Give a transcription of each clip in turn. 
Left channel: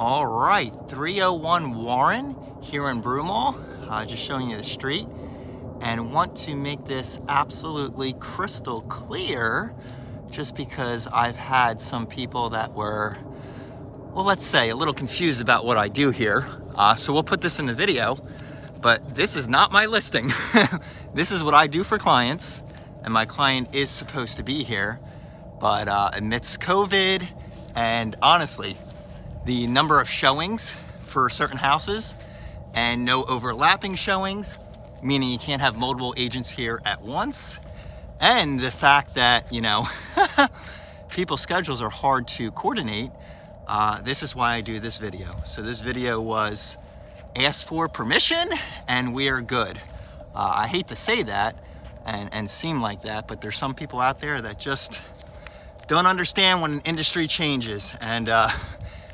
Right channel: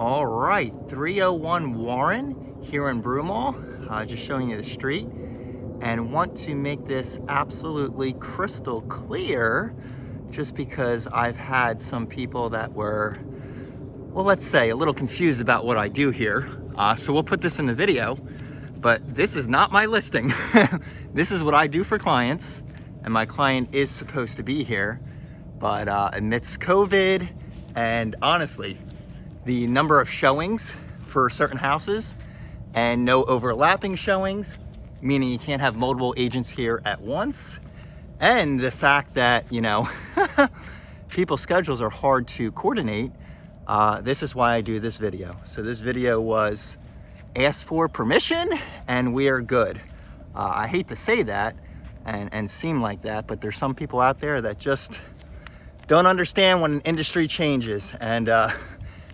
All right, 301 Warren here in Broomall. Just showing you the street, and want to make this absolutely crystal clear just because I've had some people that were, well, let's say a little confused about what I do here. So we'll put this in the video, but this is not my listing. This is what I do for clients, and my client is supposed to be here, but amidst COVID and honestly, the number of showings for certain houses and no overlapping showings, meaning you can't have multiple agents here at once. And the fact that, you know, people's schedules are hard to coordinate. This is why I do this video. So this video was asked for permission and we are good. I hate to say that and seem like that, but there's some people out there that just don't understand when an industry changes. And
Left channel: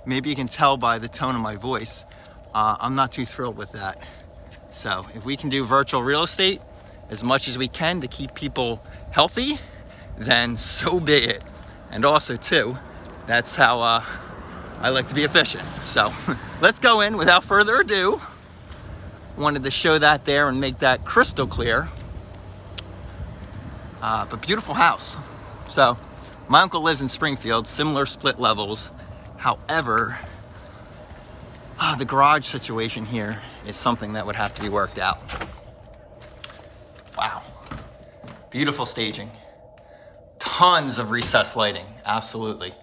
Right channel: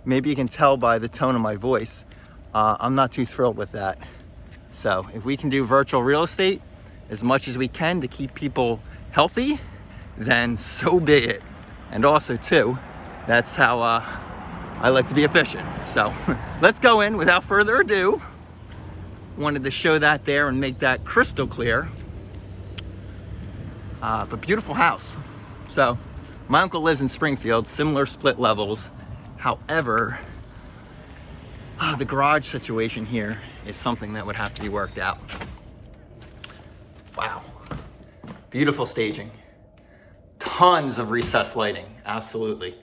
maybe you can tell by the tone of my voice, I'm not too thrilled with that. So if we can do virtual real estate as much as we can to keep people healthy, then so be it. And also too, that's how I like to be efficient. So let's go in without further ado. Wanted to show that there and make that crystal clear. But beautiful house. So my uncle lives in Springfield, similar split levels. However, the garage situation here is something that would have to be worked out. Wow. Beautiful staging. Tons of recessed lighting, absolutely.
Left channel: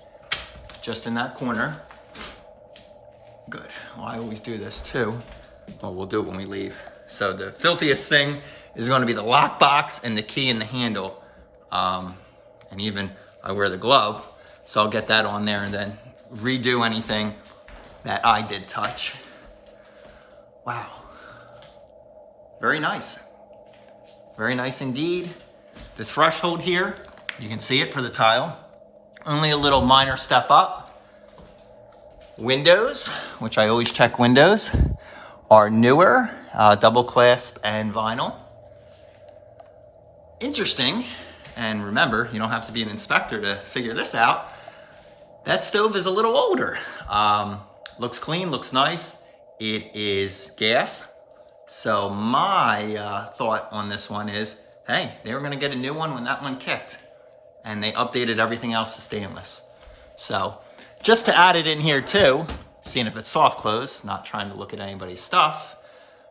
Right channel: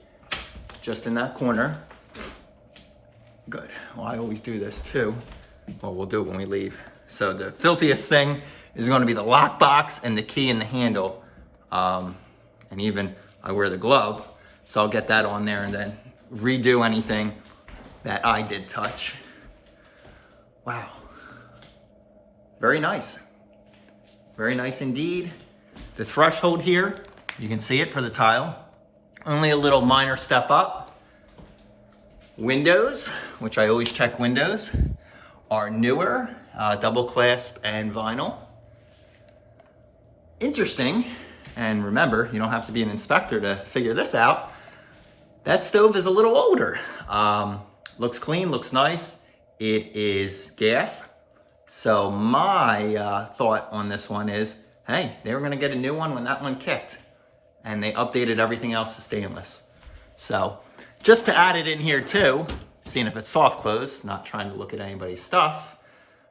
Just in that corner. Good. Well, I always do this too. Well, we'll do it when we leave. So the filthiest thing is going to be the lockbox and the key and the handle. And even I wear the glove, so I'll get that on there and then redo anything that I did touch. Wow. Very nice. Very nice indeed. The threshold here, you can see it for the tile. Only a little minor step up. Windows, which I always check windows, are newer, double clasp and vinyl. Interesting, and remember, you don't have to be an inspector to figure this out. That stove is a little older. Looks clean, looks nice. It is gas. So my thought on this one is, hey, they were gonna get a new one when that one kicked. And they updated everything else to stainless. So just to add it in here too, seeing if it's soft close, not trying to look at anybody's stuff.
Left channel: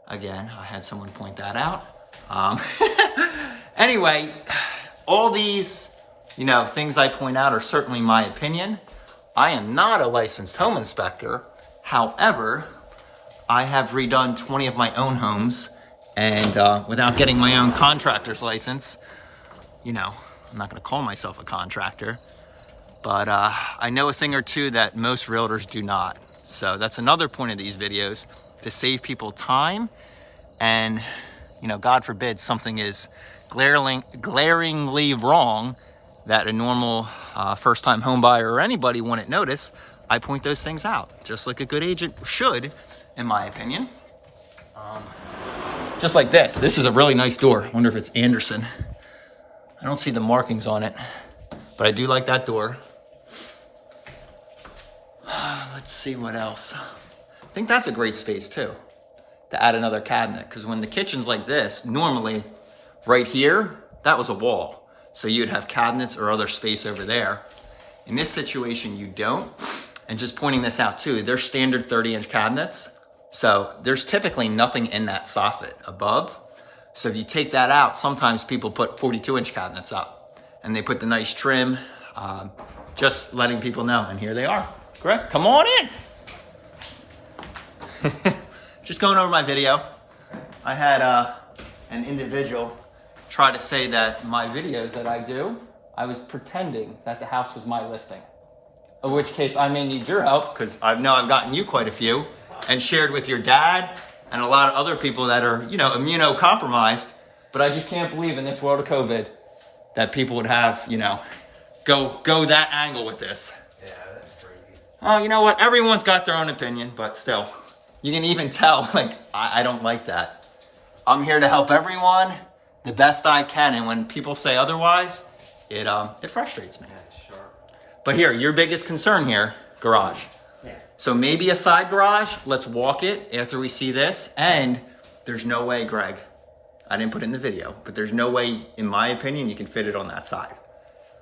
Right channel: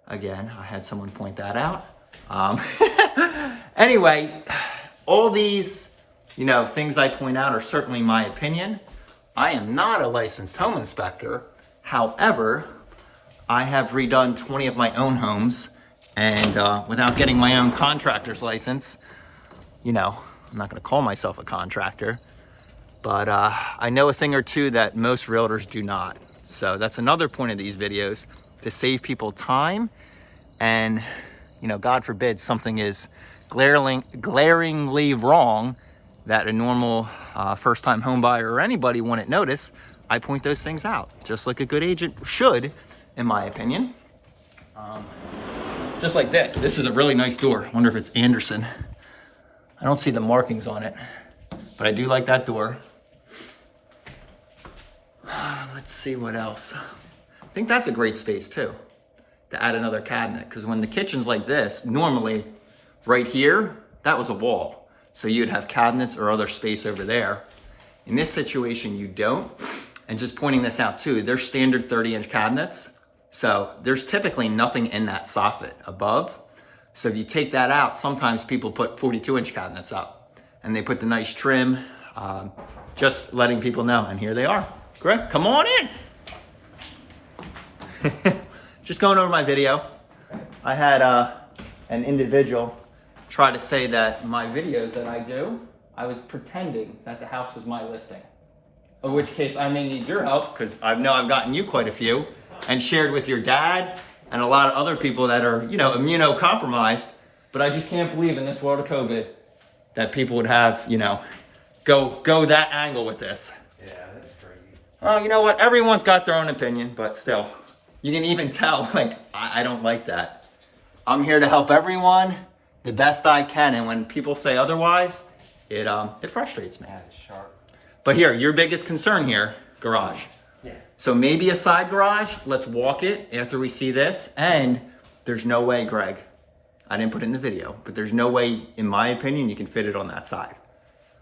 Again, I had someone point that out. Anyway, all these, you know, things I point out are certainly my opinion. I am not a licensed home inspector. However, I have redone 20 of my own homes, and without getting my own contractor's license, you know, I'm not gonna call myself a contractor, but I know a thing or two that most realtors do not. So that's another point of these videos, to save people time. And, you know, God forbid something is glaringly wrong that a normal first-time home buyer or anybody wouldn't notice. I point those things out, just like a good agent should, in my opinion. Just like this. This is a really nice door. I wonder if it's Anderson. I don't see the markings on it, but I do like that door. Let's see what else. I think that's a great space too, to add another cabinet, because when the kitchen's like this, normally right here, that was a wall. So you'd have cabinets or other space over there. In this situation, you don't. And just pointing this out too, they're standard 30-inch cabinets. So there's typically nothing in that soffit above. So if you take that out, sometimes people put 42-inch cabinets up and they put the nice trim, just letting people know. And here they are. Greg, come on in. Just going over my video. I had an individual try to say that my videos that I do, I was pretending that the house was my listing. In which case I may need your help, because I know I've gotten you quite a few and shared with your dad and a lot of other people that are, you know, immunocompromised. But I just can't believe in this world of COVID that people would have, you know, go that angle with this. Yeah, that's crazy. Oh, you know what? Everyone's got their own opinion, but still, you can even tell, like, I don't like that. I'm here to help everyone the best I can, and when people say otherwise, it frustrates me. Yeah, it's sharp. But here, your biggest concern here, garage. Yeah. So maybe a side garage. Let's walk it after we see this. And there's no way, Greg, I didn't put it in the video, but there's no way, in my opinion, you can fit it on that side.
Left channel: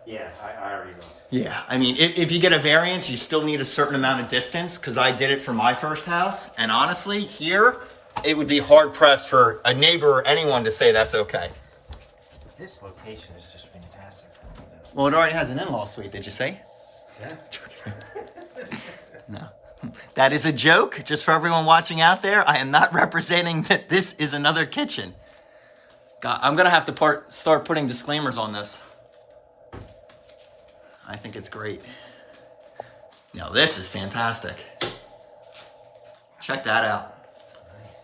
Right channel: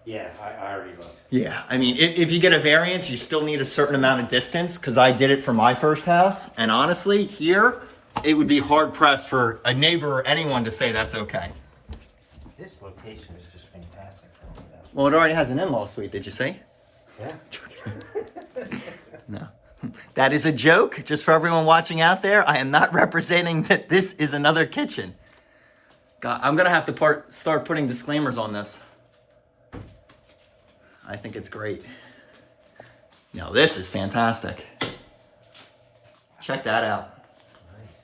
Yeah, I already looked. Yeah, I mean, if you get a variance, you still need a certain amount of distance, because I did it for my first house. And honestly, here, it would be hard pressed for a neighbor or anyone to say that's okay. This location is just fantastic. Well, it already has an in-law suite, did you see? Yeah. No. That is a joke, just for everyone watching out there. I am not representing that this is another kitchen. God, I'm gonna have to start putting disclaimers on this. I think it's great. Now this is fantastic. Check that out. Nice.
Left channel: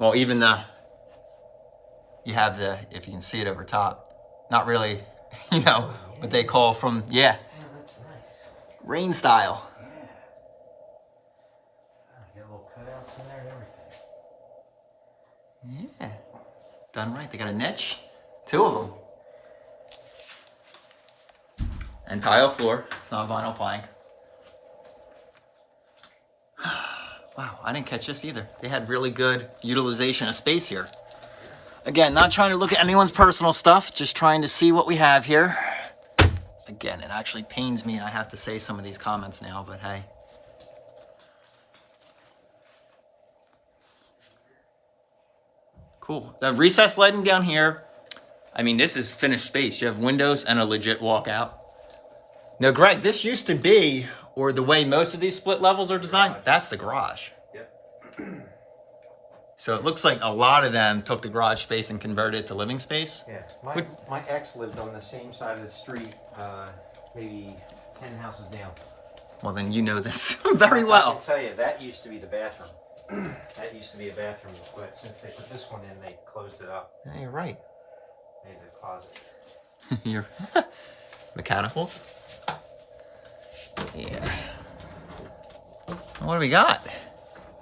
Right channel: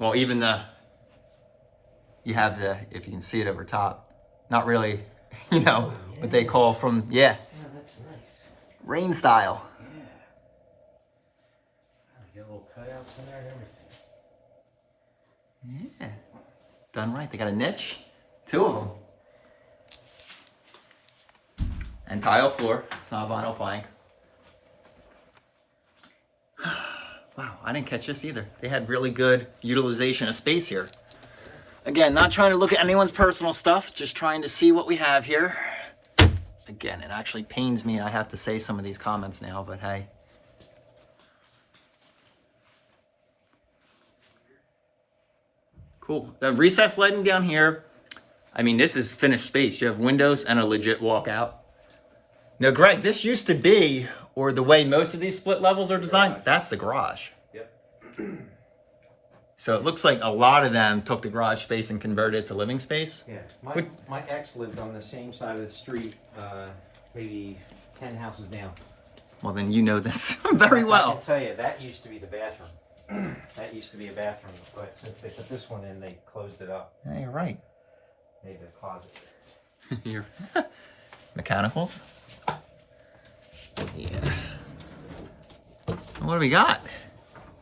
Well, even you have if you can see it over top, not really, what they call from, Yeah, that's nice. rain style. Yeah. Oh, you got little cutouts in there and everything. Yeah, done right. They got a niche, 2 of them. And tile floor, it's not vinyl plank. Wow, I didn't catch this either. They had really good utilization of space here. Again, not trying to look at anyone's personal stuff, just trying to see what we have here. Again, it actually pains me I have to say some of these comments now, but hey. Cool. The recessed lighting down here, I mean, this is finished space. You have windows and a legit walkout. Now, Greg, this used to be, or the way most of these split levels are designed, that's the garage. Yeah. So it looks like a lot of them took the garage space and converted it to living space. Yeah. My ex lived on the same side of the street, maybe 10 houses down. Well, then you know this very well. I can tell you, that used to be the bathroom. That used to be a bathroom, but since they put this one in, they closed it up. Yeah, you're right. Made it a closet. Your mechanicals. Yeah. What do we got?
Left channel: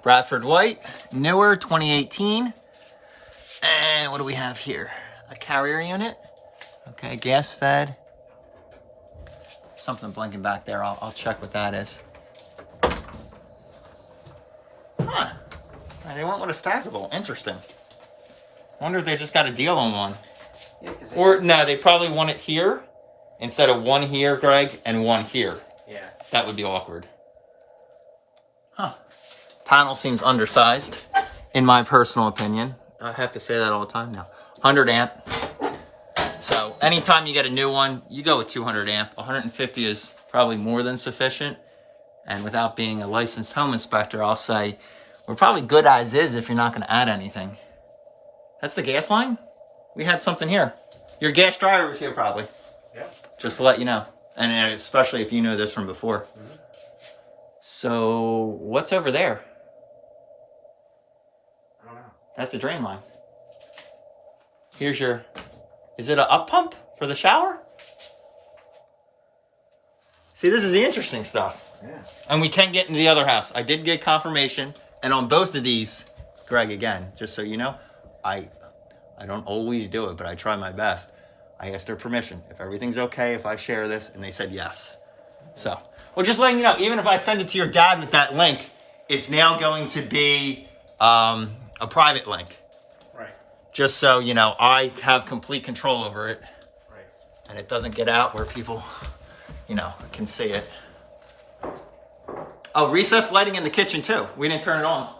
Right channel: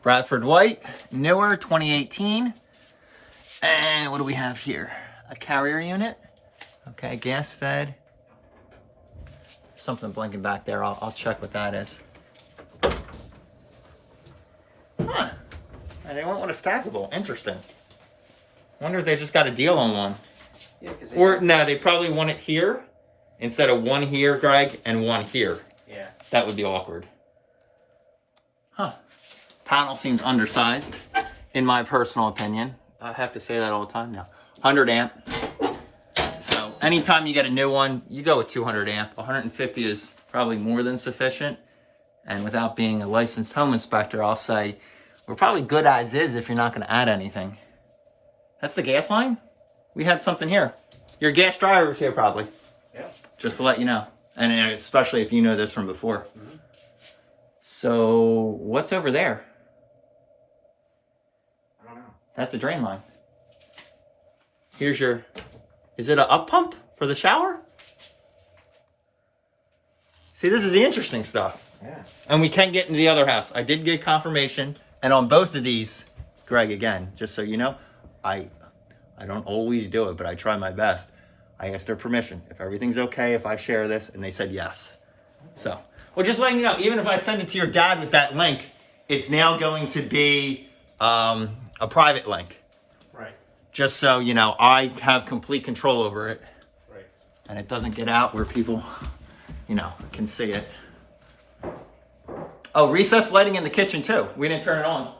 Bradford White, newer, 2018. And what do we have here? A carrier unit. Okay, gas fed. Something blinking back there. I'll check what that is. Huh. And they went with a stackable. Interesting. Wonder if they just got a deal on one. Yeah, Or no, they probably want it here instead of one here, Greg, and one here. Yeah. That would be awkward. Huh. Panel seems undersized, in my personal opinion. I have to say that all the time now. 100 amp. So anytime you get a new one, you go with 200 amp. 150 is probably more than sufficient. And without being a licensed home inspector, I'll say we're probably good as is if you're not going to add anything. That's the gas line? We had something here. Your gas dryer was here probably. Yeah. Just to let you know. And especially if you know this from before. Mm-hmm. So what's over there? I don't know. That's a drain line. Here's your, is it an up pump for the shower? See, this is the interesting stuff. Yeah. And we can get into the other house. I did get confirmation. And on both of these, Greg, again, just so you know, I don't always do it, but I try my best. I asked their permission. If everything's okay, if I share this, and they said yes. So, well, just letting you know, even if I send it to your dad with that link, it's now going to be a private link. Right. Just so, you know, I have complete control over it. Right. And it doesn't get out where people, you know, can see it. Oh, recessed lighting in the kitchen too. We didn't turn it on.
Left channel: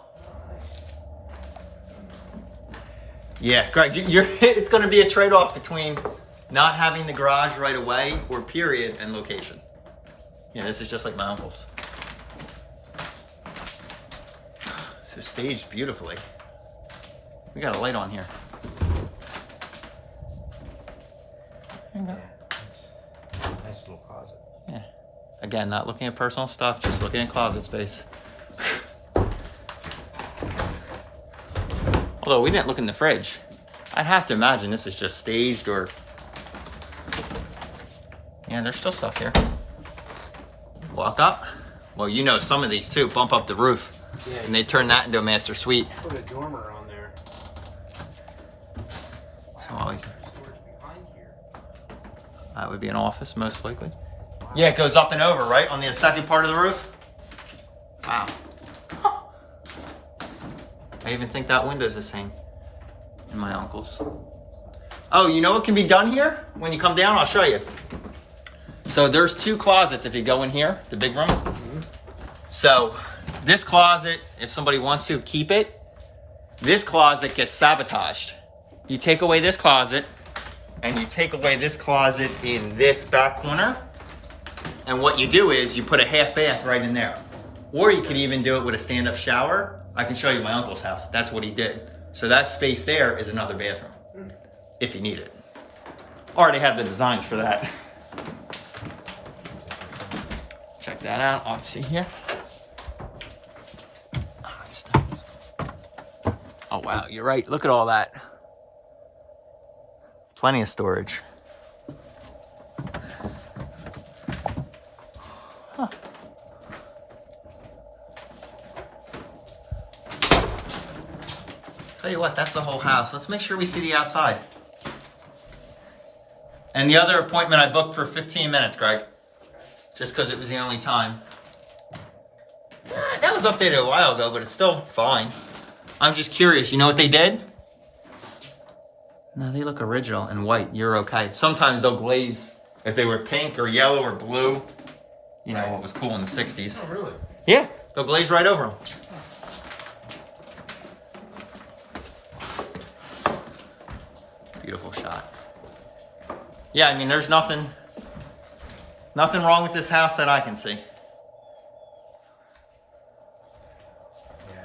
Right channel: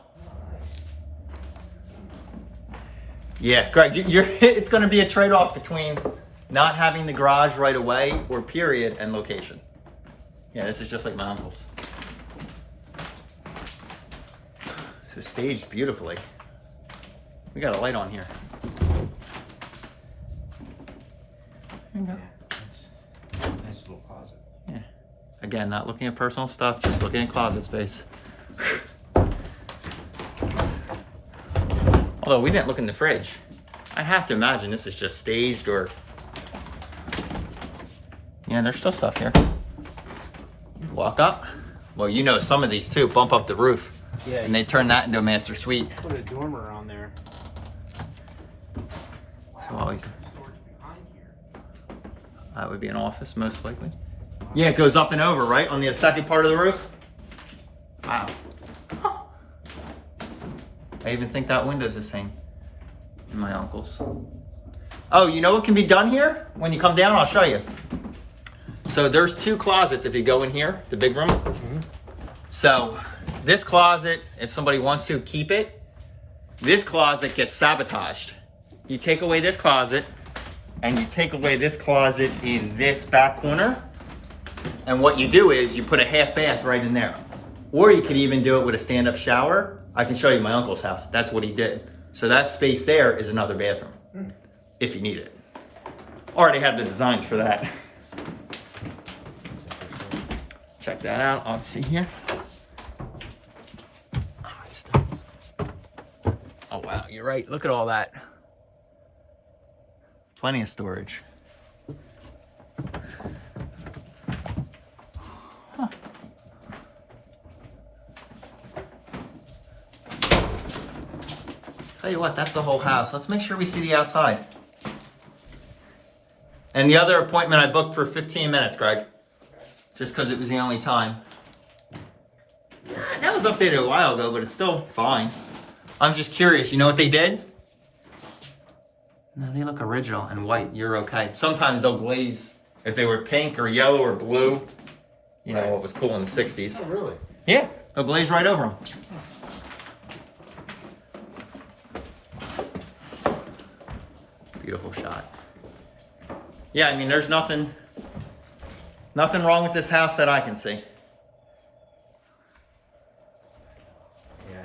Yeah, Greg, it's going to be a trade-off between not having the garage right away or period and location. Yeah, this is just like my uncle's. So staged beautifully. We got a light on here. There you go. Yeah, nice little closet. Yeah. Again, not looking at personal stuff, just looking at closet space. Although we didn't look in the fridge. I have to imagine this is just staged or... Yeah, there's still stuff here. Walk up. Well, you know some of these too, bump up the roof. Yeah. And they turn that into a master suite. Put a dormer on there. So always, Storage behind here. that would be an office most likely. Yeah, it goes up and over, right? On the second part of the roof? Wow. I even think that window's the same in my uncle's. Oh, you know what can be done here? When you come down, I'll show you. So there's 2 closets if you go in here, the big room. So this closet, if somebody wants to keep it, this closet gets sabotaged. You take away this closet and you take away this closet in this back corner. And what you do is you put a half bath right in there. Or you could even do it with a stand-up shower. I can show you my uncle's house. That's what he did. So that space there is another bathroom, if you need it. Already have the designs for that. Check that out. I'll see here. Oh wow, you're right. Look at all that. Plenty of storage. Huh. Tell you what, that's the whole house. Let's make sure we see the outside. And the other appointment I booked for 15 minutes, Greg. Just because it was the only time. That was updated a while ago, but it's still fine. I'm just curious, you know what they did? No, they look original and white. You're okay. Sometimes they'll glaze. If they were pink or yellow or blue, you know what was cool in the 60s. Oh, really? Yeah, they'll glaze right over them. Beautiful shot. Yeah, I mean, there's nothing wrong with this house that I can see. Yeah.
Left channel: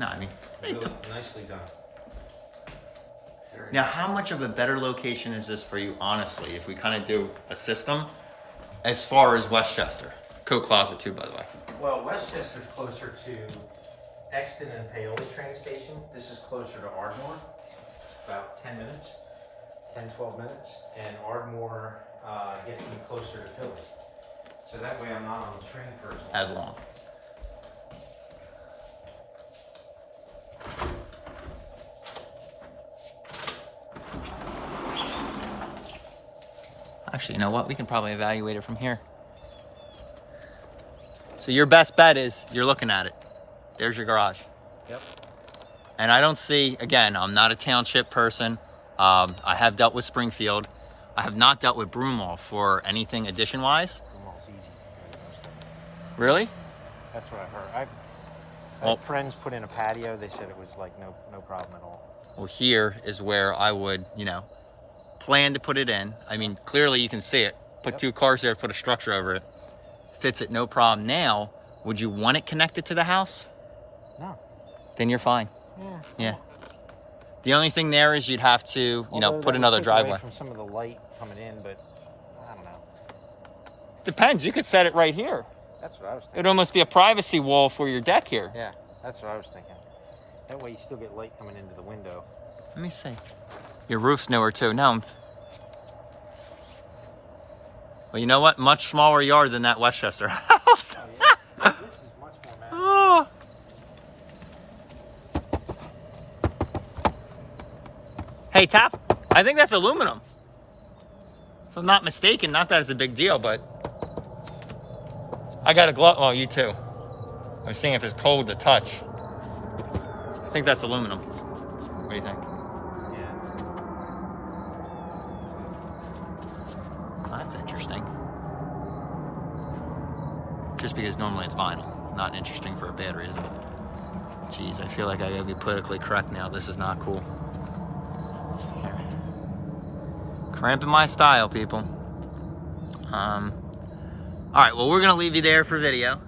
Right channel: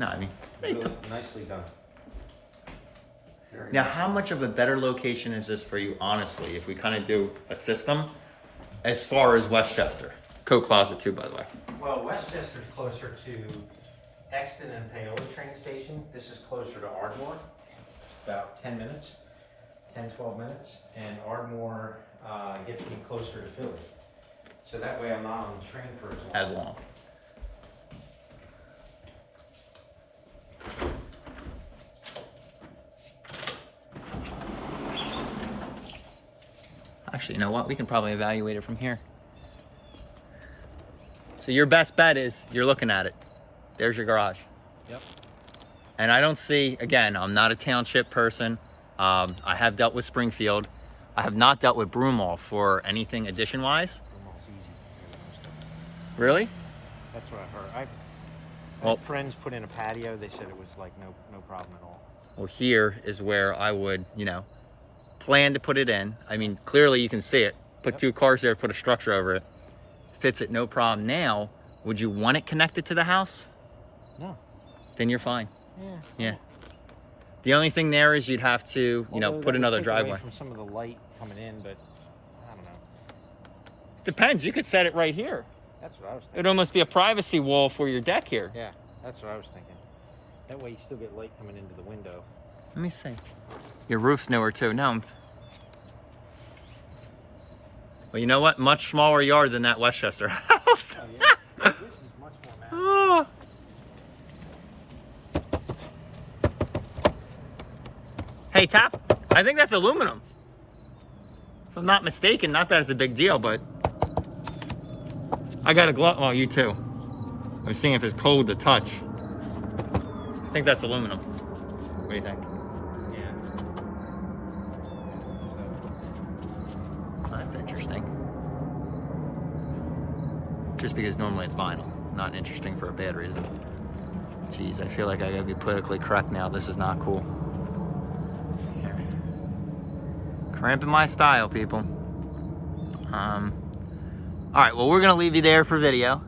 No, I mean, Nicely done. now how much of a better location is this for you, honestly, if we kind of do a system as far as Westchester? Coat closet too, by the way. Well, Westchester's closer to Exton and Paola train station. This is closer to Ardmore, about 10 minutes, 10, 12 minutes. And Ardmore gets me closer to Philly. So that way I'm not on the train for as long. Actually, you know what? We can probably evaluate it from here. So your best bet is you're looking at it. There's your garage. Yep. And I don't see, again, I'm not a township person. I have dealt with Springfield. I have not dealt with Broomall for anything addition-wise. Almost easy. Really? That's what I heard. Well, friends put in a patio. They said it was like no problem at all. Well, here is where I would, you know, plan to put it in. I mean, clearly you can see it. Put 2 cars there, put a structure over it. Fits it, no problem. Now, would you want it connected to the house? No. Then you're fine. Yeah. Yeah. The only thing there is you'd have to, you know, put another driveway. From some of the light coming in, but I don't know. Depends. You could set it right here. That's what I was thinking. It'd almost be a privacy wall for your deck here. Yeah, that's what I was thinking. That way you still get light coming into the window. Let me see. Your roof's newer too. No. Well, you know what? Much smaller yard than that Westchester house. Oh, yeah. This is much more massive. Hey, Tap, I think that's aluminum. If I'm not mistaken, not that it's a big deal, but I got a glove. Oh, you too. I'm seeing if it's cold to touch. I think that's aluminum. What do you think? Yeah. Oh, that's interesting. Just because normally it's vinyl. Not interesting for a bad reason. Jeez, I feel like I gotta be politically correct now. This is not cool. Here. Cramping my style, people. All right, well, we're gonna leave you there for video.